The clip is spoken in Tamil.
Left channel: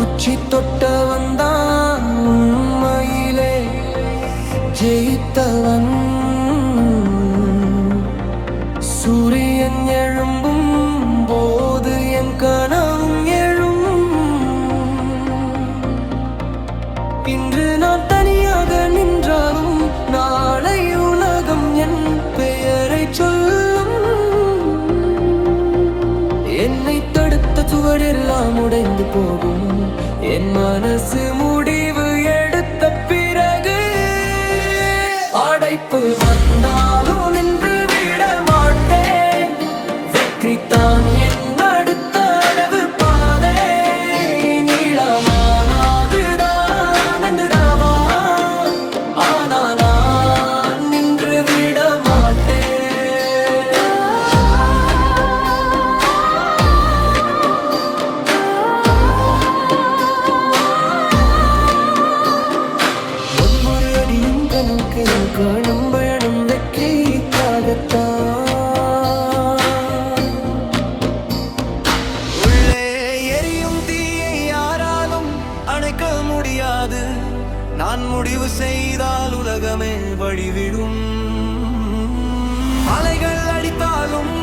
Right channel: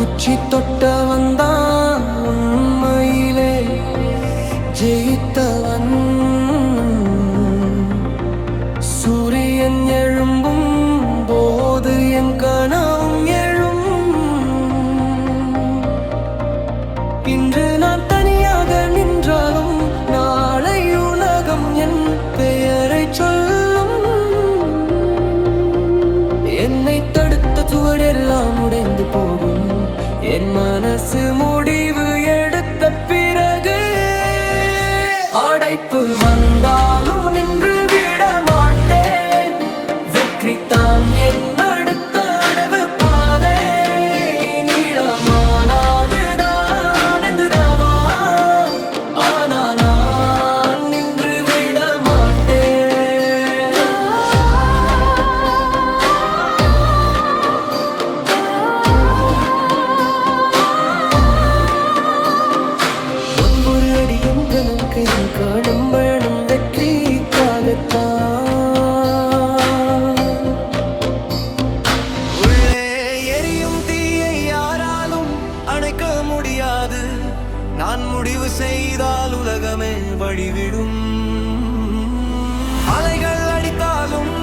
உச்சி தொட்டவன் தான் உண்மையிலே ஜெயித்தவன். சூரியன் எழும்பும் போது என் கனவும் எழும். இன்று நான் தனியாக நின்றாலும் நாளை உலகம் என் பெயரை சொல்லும். என்னை தடுத்த சுவரெல்லாம் உடைந்து போகும். என் மனசு முடிவு எடுத்த பிறகு அடைப்பு வந்தாலும் நின்று விட மாட்டேன். வெற்றி தான் என் அடுத்த அடவு பாதை. நீளமானதுதான் என்றுதாவா, ஆனா நான் நின்று விட மாட்டேன். ஒவ்வொரு அடியும் கணக்கையும் காணும் பயணம் வெற்றிக்காகத்தான். உள்ளே எரியும் தீயை யாராலும் அணைக்க முடியாது. நான் முடிவு செய்தால் உலகமே வழிவிடும். அலைகள் அடித்தாலும்